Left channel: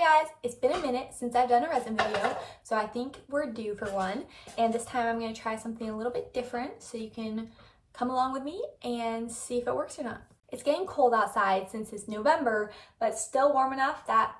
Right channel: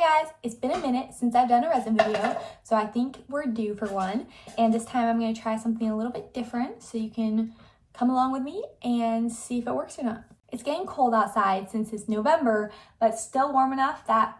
Hi guys, it's been a minute since I've done a resin video, so I think we're due for one. And this time I'm going to try something a little bit different so you can come along with me and see if it works or not. It's getting cold outside since it's November, but still warm enough that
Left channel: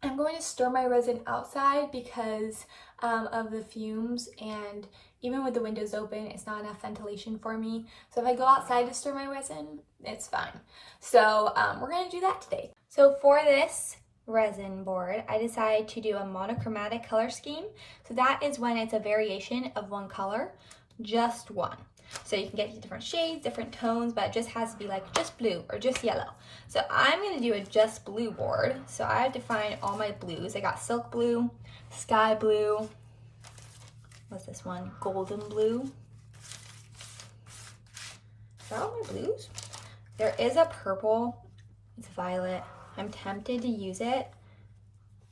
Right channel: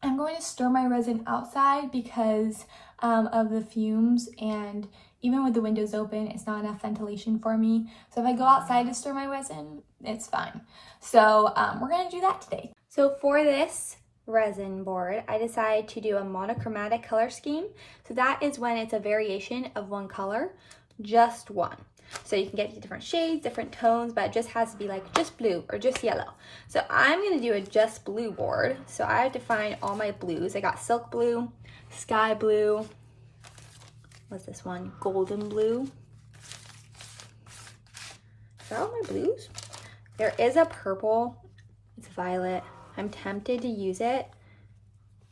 I'm going to store my resin outside because of the fumes, and even with the windows open, it's not enough ventilation for me. So if I go outside to store my resin, it's fine. So we're going to do that today. So for this resin board, I decided to do a monochromatic color scheme. So that is when it's a variation of one color, just one. So you can get different shades, different tones, but it just has to be like just blue or just yellow. So I'm going to do a just blue board. So I have defined all my blues. I got silk blue, sky blue, what's this one? Golden blue. Is that all my blues? There is a purple, it's violet. I'm tempted to use it.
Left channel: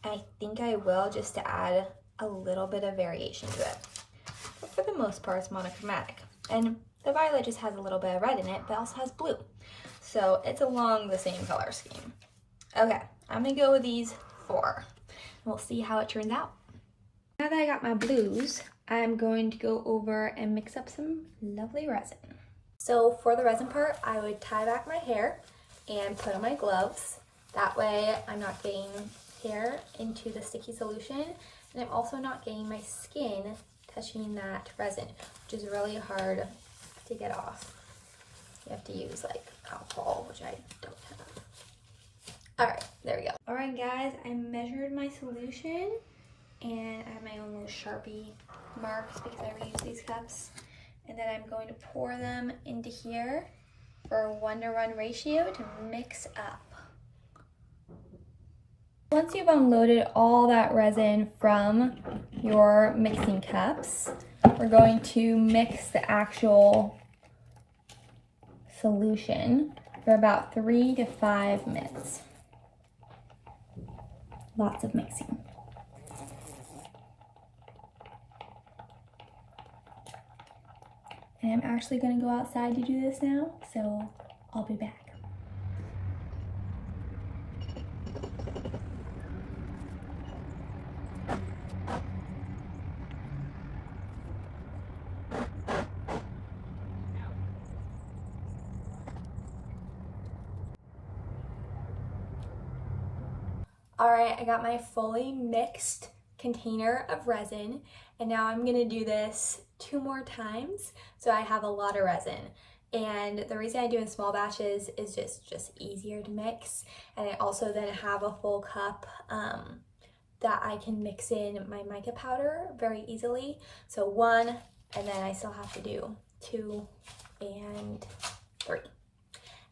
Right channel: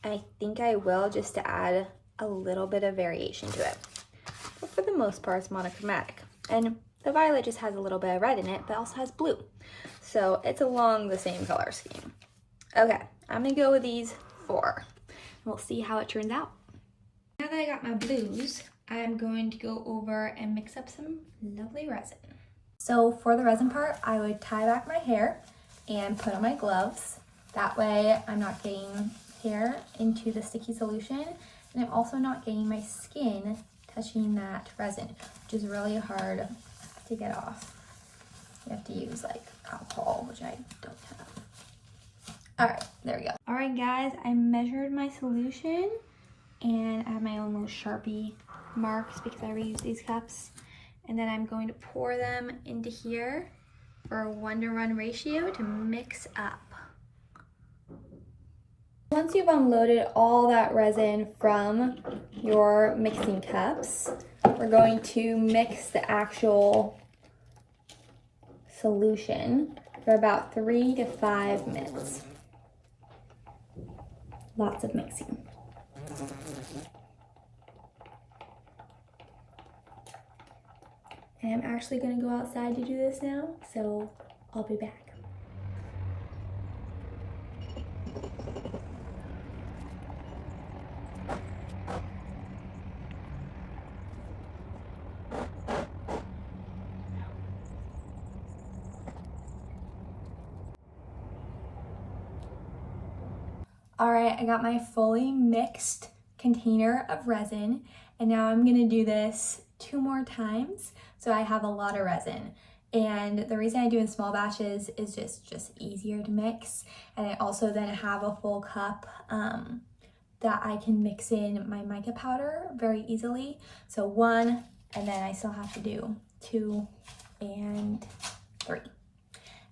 I think I will, just to add a little bit of variation to it. But for the most part, it's monochromatic. And the violet just has a little bit of red in it, but also has blue. So it's along the same color scheme. Okay, I'm gonna go with these 4. We'll see how it turns out. Now that I got my blues, I'm going to go over and mix up some lovely resin. So for the resin part, I would tie back my hair and put on my gloves. That way I'm not getting hair into the sticky solution, and I'm also not getting my skin touching that resin, which is really hard to get off. You have to use like alcohol, which I don't have. All right, there we go. All right guys, I measured my solution and I have my own little Sharpie marks because I reuse these cups. And then I'm going to pour them into here for a 1-to-1 ratio to mix up. Once you've unloaded all that resin from your mixing cups, we're going to mix the actual solution for about 3 to 5 minutes. Lots of mixing. And I'm actually going to go outside to do this now, so I'll be back. All right, I got my fully mixed container of resin, and now I'm gonna do this 2 more times so I have a lot of resin. And the reason I do in small batches is just easier to mix, and I also then have a full cup that I can mix in my mica powder very easily. So 1, and then I still have to do 2 and 3,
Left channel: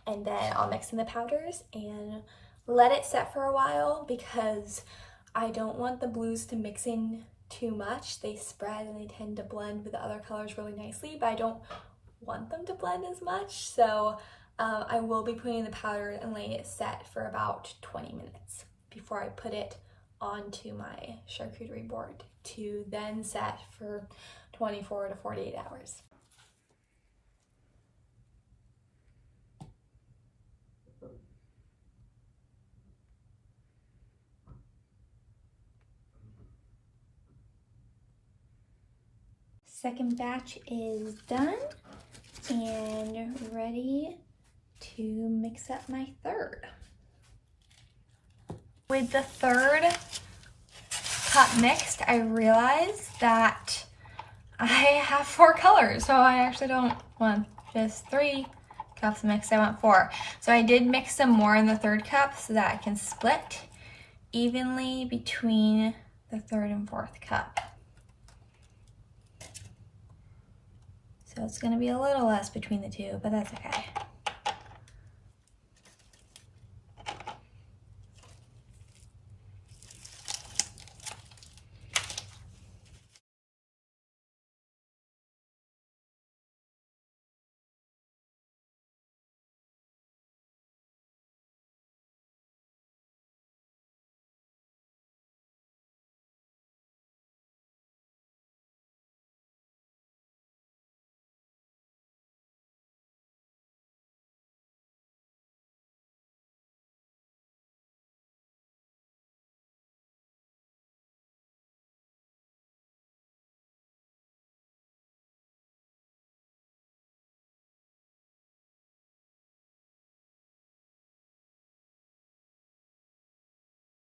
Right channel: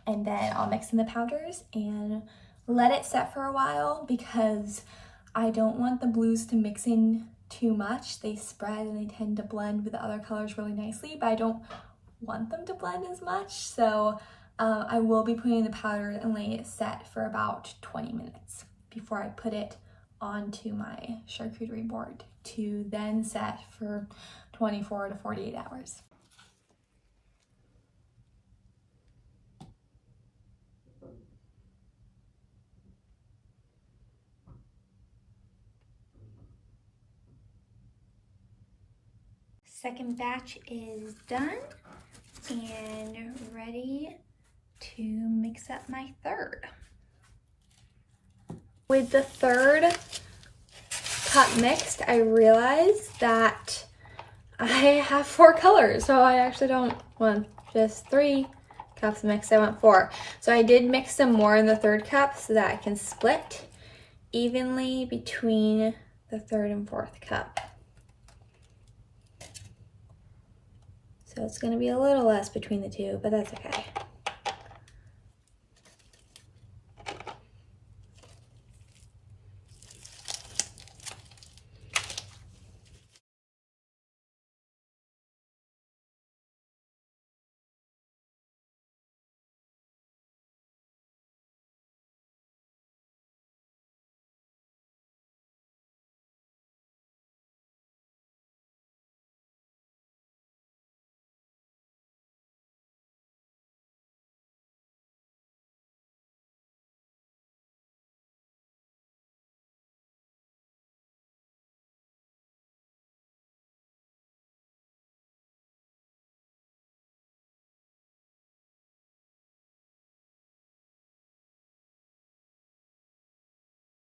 and then I'll mix in the powders and let it set for a while because I don't want the blues to mix in too much. They spread and they tend to blend with the other colors really nicely, but I don't want them to blend as much. So I will be putting in the powder and letting it set for about 20 minutes before I put it onto my charcuterie board to then set for 24 to 48 hours. Second batch is done and ready to mix up my third. With the third cup mixed, I realized that I have 4 colors, so I actually don't want just 3 cups mixed, I want 4. So I did mix some more in the third cup so that I can split evenly between the third and fourth cup. So it's gonna be a little less between the 2, but that's okay.